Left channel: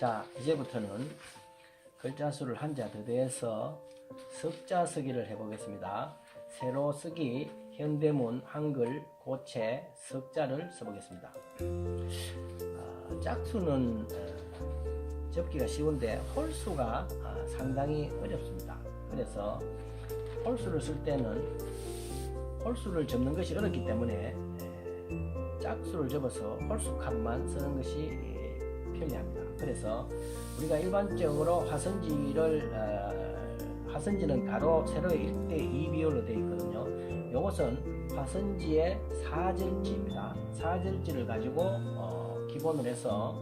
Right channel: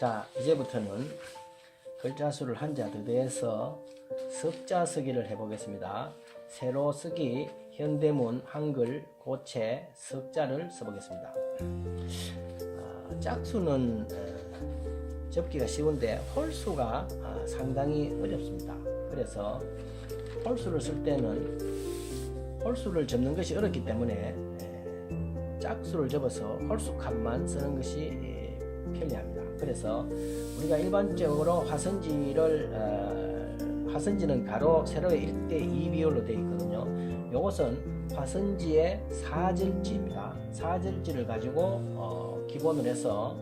자, 이제부터는 글자 수를 한자 두 배에서 석자 쓰기를 해보겠습니다. 세로 쓰기, 현대문, 한글, 고체, 석자를 써보겠습니다. 아, 짝수는 어, 접기가 쉬운데 홀수가 아, 상당히 어렵습니다. 그래서 홀수를 쓸 때는 홀수를 접는 것이 어렵기 때문에 에, 짝수를 접어서 홀수 칸만 쓰는 것이 에, 편리합니다. 그래서 우리가 일반적으로 화선지를 어, 화선지는 가로 세로의 1대 2 비율로 되어 있거든요. 이것은 화선지의 사절지입니다. 사절지를 가지고 어, 기본으로 해서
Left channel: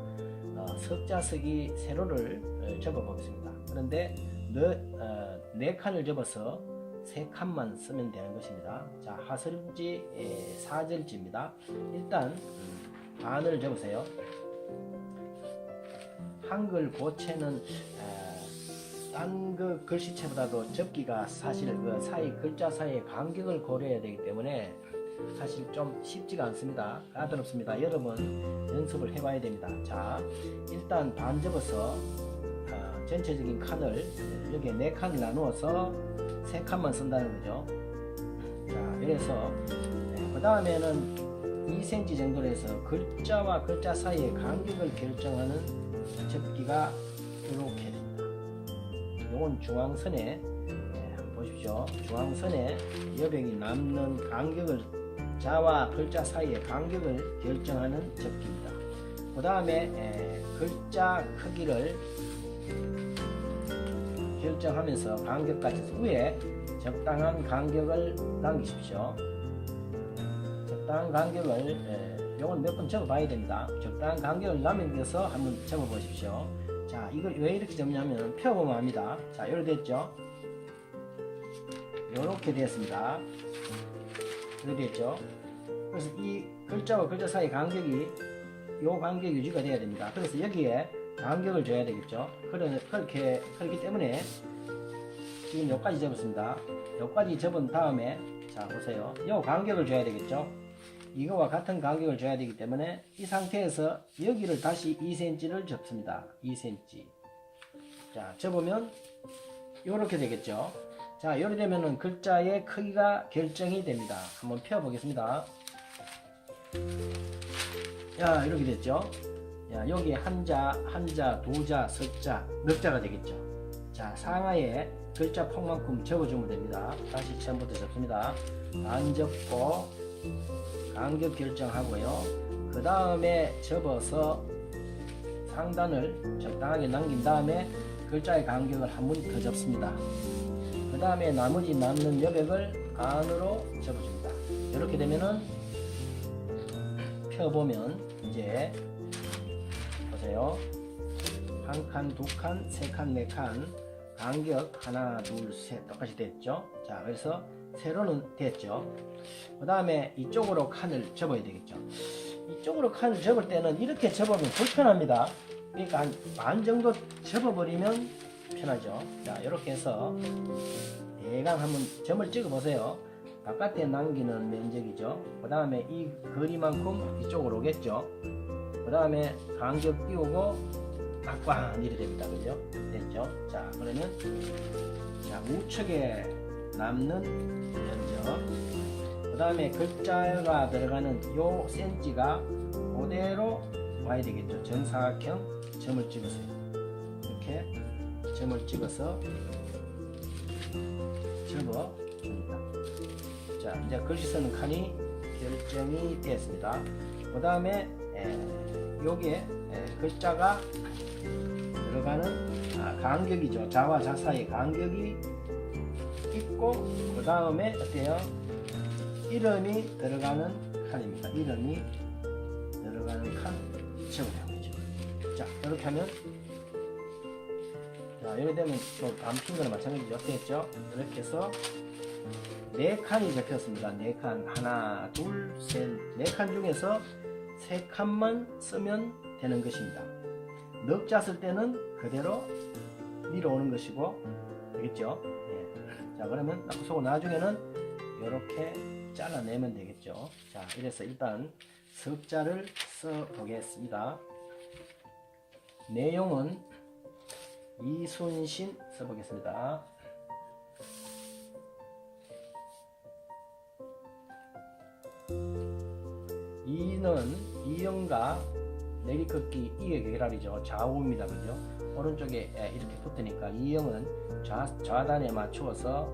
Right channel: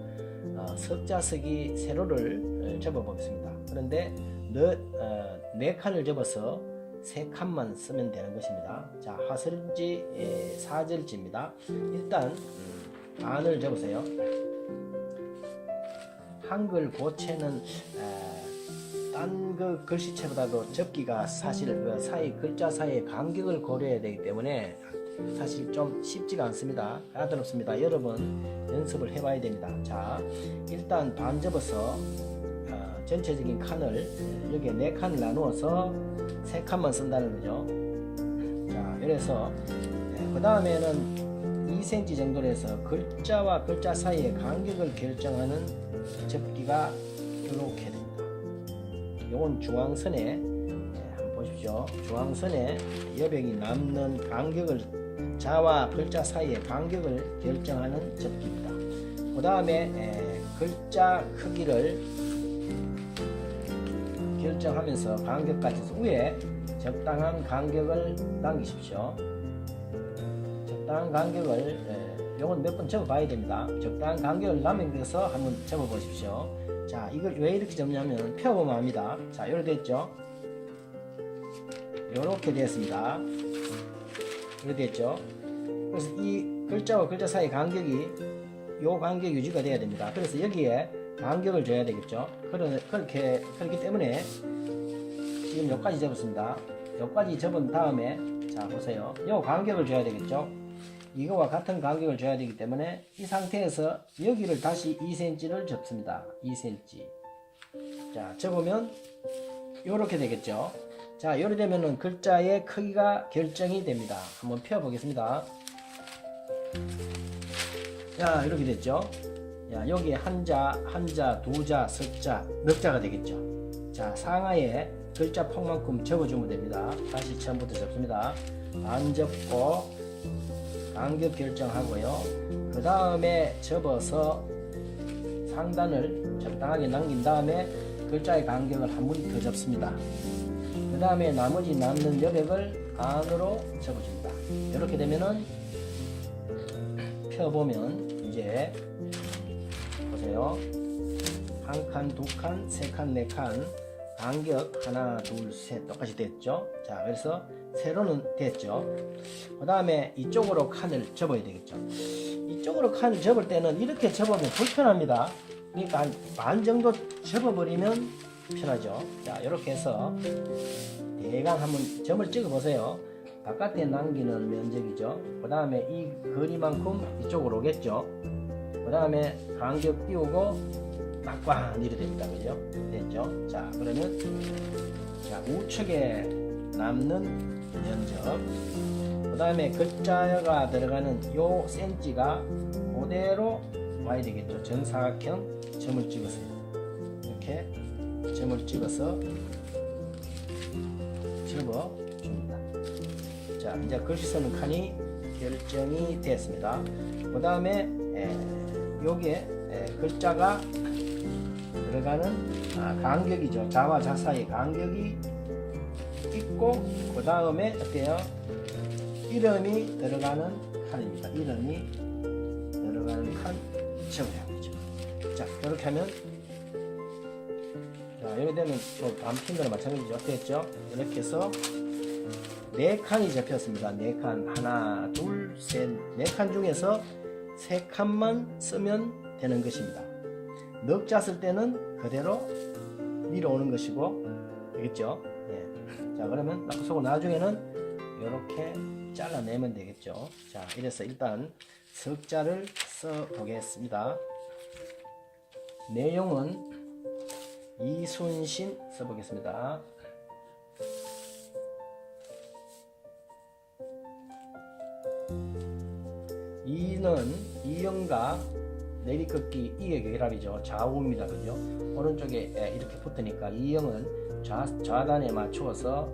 어, 석자 쓰기 세로를 어, 접어 보겠습니다. 그런데 네, 어, 네 칸을 접어서 세 칸만 쓰면 되는 것입니다. 자, 화선지 에, 사절지입니다. 일단 음, 반을 접으세요. 한글 고체는 딴 그 글씨체보다도 접기가 사실 그 사이 글자 사이의 간격을 고려해야 되기 때문에 사실 좀 쉽지가 않습니다. 까다롭습니다. 여러분 연습을 해봐야 됩니다. 자, 일단 반 접어서 아, 전체적인 칸을 여기에 네 칸을 나누어서 세 칸만 쓴다는 거죠. 자, 이래서 그 다음에는 2cm 정도로 해서 글자와 글자 사이의 간격을 결정하는 접기가 이렇게 됩니다. 요건 중앙선에 예, 한번 보십시오. 중앙선에 여백이 남는 간격을 자와 글자 사이의 간격을 결정하는 접기입니다. 그 다음에 글자 크기를 결정하면서 간격까지 위에 적당한 간격을 남기십시오. 적당한 간격을 예, 요건 몇 번 접어 봐야 됩니다. 적당한 간격을 남겨서 한번 접어 보십시오. 자, 이걸 왜 이렇게 접냐면 펴보면 합니다. 자, 이렇게 됐죠? 이렇게 됐습니다. 이렇게 됐죠? 그래서 이 글자와 글자 사이 간격이 요 간격 유지가 돼야 됩니다. 그래서 여기에 간격을 줘야 되겠죠? 그래, 그렇게, 그렇기 때문에 지금 여기까지 접었습니다. 여기까지 접은 다음에 자, 보세요. 요 간격을 줘야 되겠죠? 이거와 같은 간격을 줘야 되기 때문에 이 상태에서 여기를 다시 2cm를 접습니다. 2cm. 자, 접으면 이렇게 되겠죠. 자, 이렇게 되면은 글자의 크기가 결정이 됩니다. 한번 펴 보겠습니다. 자, 이렇게 됐죠. 야, 여기에 한자, 한자, 두자, 석자, 넉 자가 되겠죠. 자, 상하에 글자 폭만큼 접어주면 됩니다. 다시 처음부터 접습니다. 안 접고 간격 결정하고요. 그 다음에 접어서 상단을 적당하게 남긴 다음에 글자의 간격을 한 번 더 접습니다. 그 다음에 나머지 남는 여백을 안으로 접어줍니다. 이렇게 되면은 펴보면 이제 보세요. 한 칸, 두 칸, 세 칸, 네 칸 간격 하나, 둘, 셋 똑같이 됐죠. 자, 그래서 세로는 됐죠. 그 다음에 이쪽으로 칸을 접어야 되겠죠. 이쪽으로 칸을 접을 때는 이렇게 접으면 불편합니다. 그러니까 한 반 정도 접어버리면 편하죠. 자, 이렇게 해서 대강 한번 점을 찍어 보세요. 바깥에 남기는 면적이죠. 그 다음에 이 거리만큼 이쪽으로 오겠죠. 그 다음에 간격 띄우고 막꽝 이렇게 됩니다. 그죠? 됐죠? 자, 그러면 자, 우측에 남는 면적 그 다음에 글자가 들어가는 요 센치가 그대로 와야 되겠죠. 정사각형 점을 찍으세요. 이렇게 점을 찍어서 접어 줍니다. 자, 이제 글씨 쓰는 칸이 결정이 됐습니다. 그 다음에 여기에 에, 글자가 들어가는 아, 간격이죠. 자와 자 사이의 간격이 있고 그 다음에 어때요? 이름이 들어가는 칸입니다. 이름이 들어가는 칸 적으라고 하죠. 자, 이렇게 하면 자, 이렇게 되면 또 암튼 거랑 마찬가지죠. 했죠? 이렇게 해서 네 칸이 접혔습니다. 네 칸. 하나, 둘, 셋, 네 칸 중에서 세 칸만 쓰면 되는 것입니다. 넉자 쓸 때는 그대로 위로 오는 것이고, 되겠죠? 예. 자, 그러면 나중에는 이렇게 잘라내면 되겠죠. 자, 이래서 일단 석자를 써 보겠습니다. 내용은 이순신 써보겠습니다. 이는 이영과 내리긋기 이의 계란이죠. 좌우입니다. 그죠? 오른쪽에 에, 이렇게 붙으니까 이영은 좌, 좌단에 맞추어서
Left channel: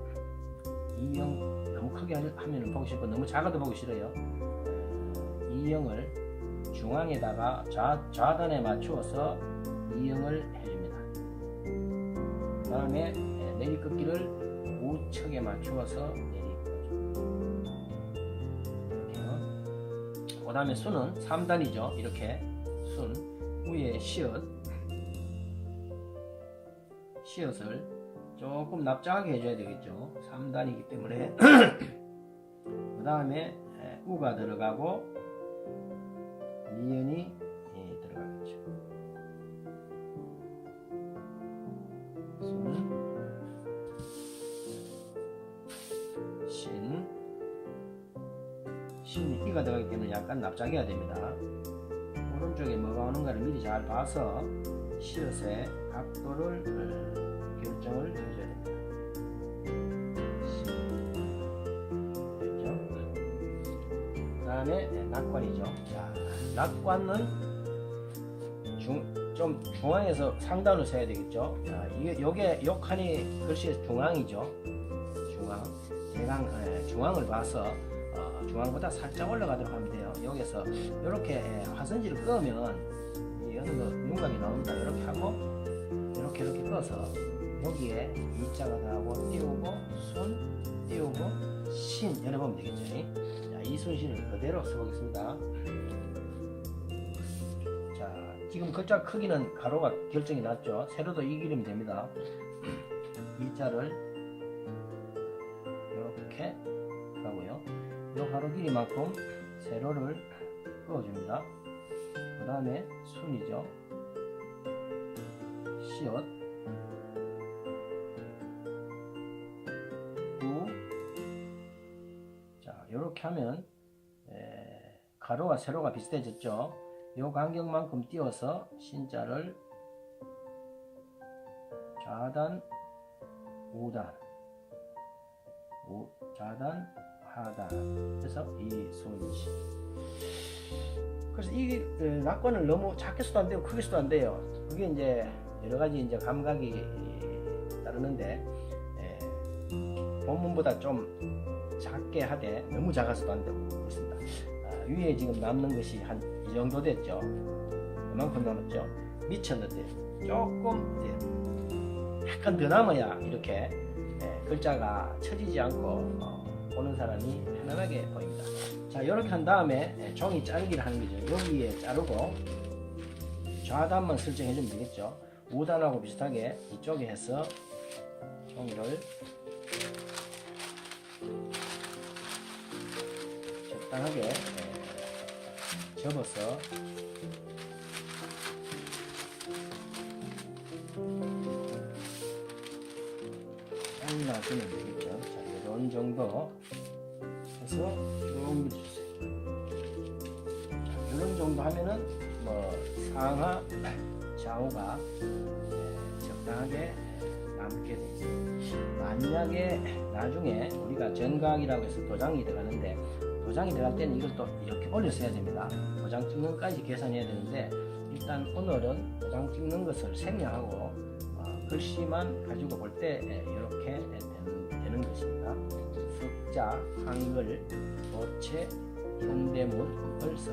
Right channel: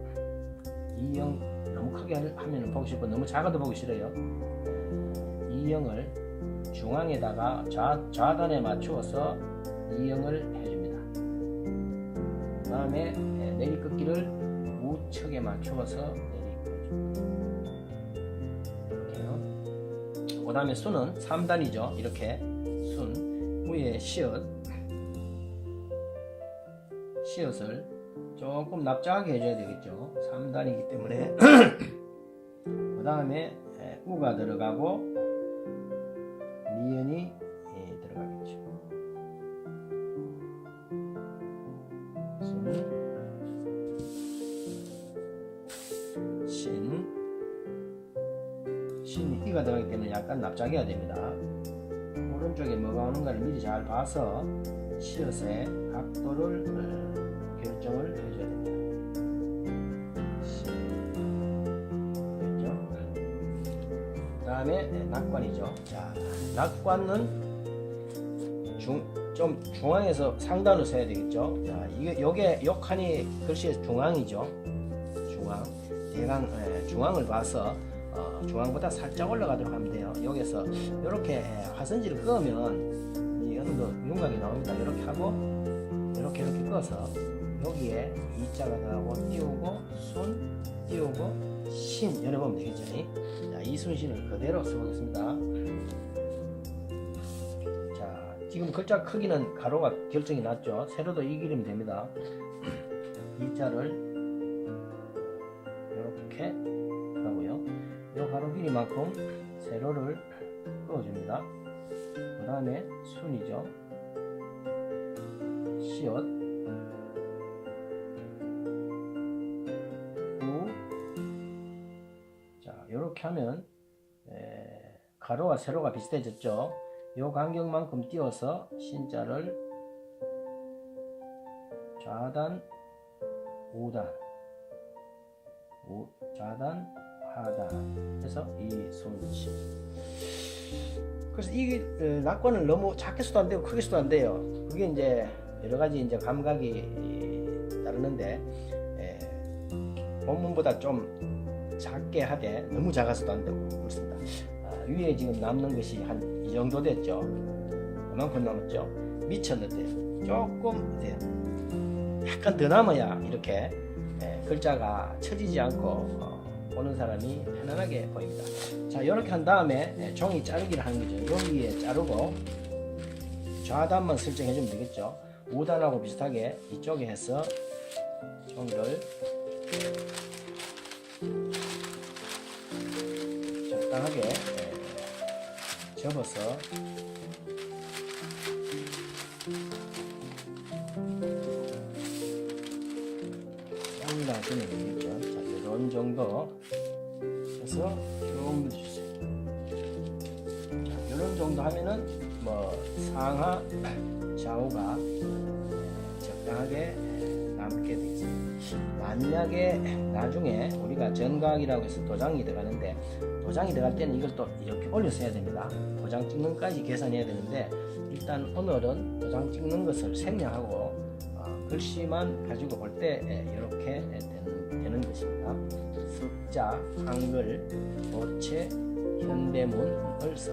이영 너무 크게 하면 보기 싫고 너무 작아도 보기 싫어요. 에, 이영을 중앙에다가 좌, 좌단에 맞추어서 이영을 해줍니다. 그 다음에 내리긋기를 우측에 맞추어서 이렇게요. 그 다음에 순은 3단이죠. 이렇게 순 위에 시옷 시옷을 조금 납작하게 해줘야 되겠죠. 3단이기 때문에 그 다음에 우가 들어가고 니은이 예, 들어가겠죠. 순, 신, 신이 이가 들어가기 때문에 약간 납작해야 됩니다. 오른쪽에 뭐가 오는가를 미리 잘 봐서 시옷의 각도를 어, 결정을 해줘야. 됐죠? 그 다음에 네, 낙관이죠. 자, 낙관은 중, 좀 중앙에서 상단으로 서야 되겠죠. 자, 이게 요게 요 칸이 글씨의 중앙이죠. 중앙. 대강 예, 중앙을 봐서 어, 중앙보다 살짝 올라가도록 하면 돼요. 여기서 이렇게 예, 화선지를 끄면 이 어느 정도 윤곽이 나옵니다. 이렇게 하고 이렇게 이렇게 꺼서 여기에 이자가 나오고 띄우고 손 띄우고 신 열어보면 되겠죠. 자, 이 순신을 그대로 써보겠습니다. 자, 지금 글자 크기는 가로가 결정이 났죠. 세로도 이 기름이 됩니다. 이자를 이렇게 하고요. 이 가로 길이만큼 세로를 그어줍니다. 그 다음에 순이죠. 시옷 하면 에, 가로와 세로가 비슷해졌죠. 요 간격만큼 띄워서 신자를 좌단, 우단, 우, 좌단, 하단 해서 이순신. 그래서 어, 낙관을 너무 작게 써도 안 되고 크게 써도 안 돼요. 그게 이제 여러 가지 이제 감각이 에, 따르는데 에, 본문보다 좀 작게 하되 너무 작아서도 안 되고 그렇습니다. 아, 위에 지금 남는 것이 한 이 정도 됐죠. 이만큼 남았죠. 미쳤는데 조금 이제 약간 더 남아야 이렇게 예, 글자가 처지지 않고 어, 보는 사람이 편안하게 보입니다. 자 이렇게 한 다음에 예, 종이 자르기를 하는 거죠. 여기에 자르고 좌단만 설정해주면 되겠죠. 우단하고 비슷하게 이쪽에 해서 종이를 적당하게 예, 접어서 잘라주면 되겠죠. 자, 이런 정도 해서 쭉 밀어주세요. 자, 이런 정도 하면은 뭐 상하, 좌우가 예, 적당하게 예, 남게 되겠습니다. 만약에 나중에 우리가 전각이라고 해서 도장이 들어가는데 도장이 들어갈 때는 이걸 또 이렇게 올려서 해야 됩니다. 도장 찍는 것까지 계산해야 되는데 일단 오늘은 도장 찍는 것을 생략하고 어, 글씨만 가지고 볼 때 이렇게 되는, 되는 것입니다. 숫자, 한글, 도체, 현대문을 써.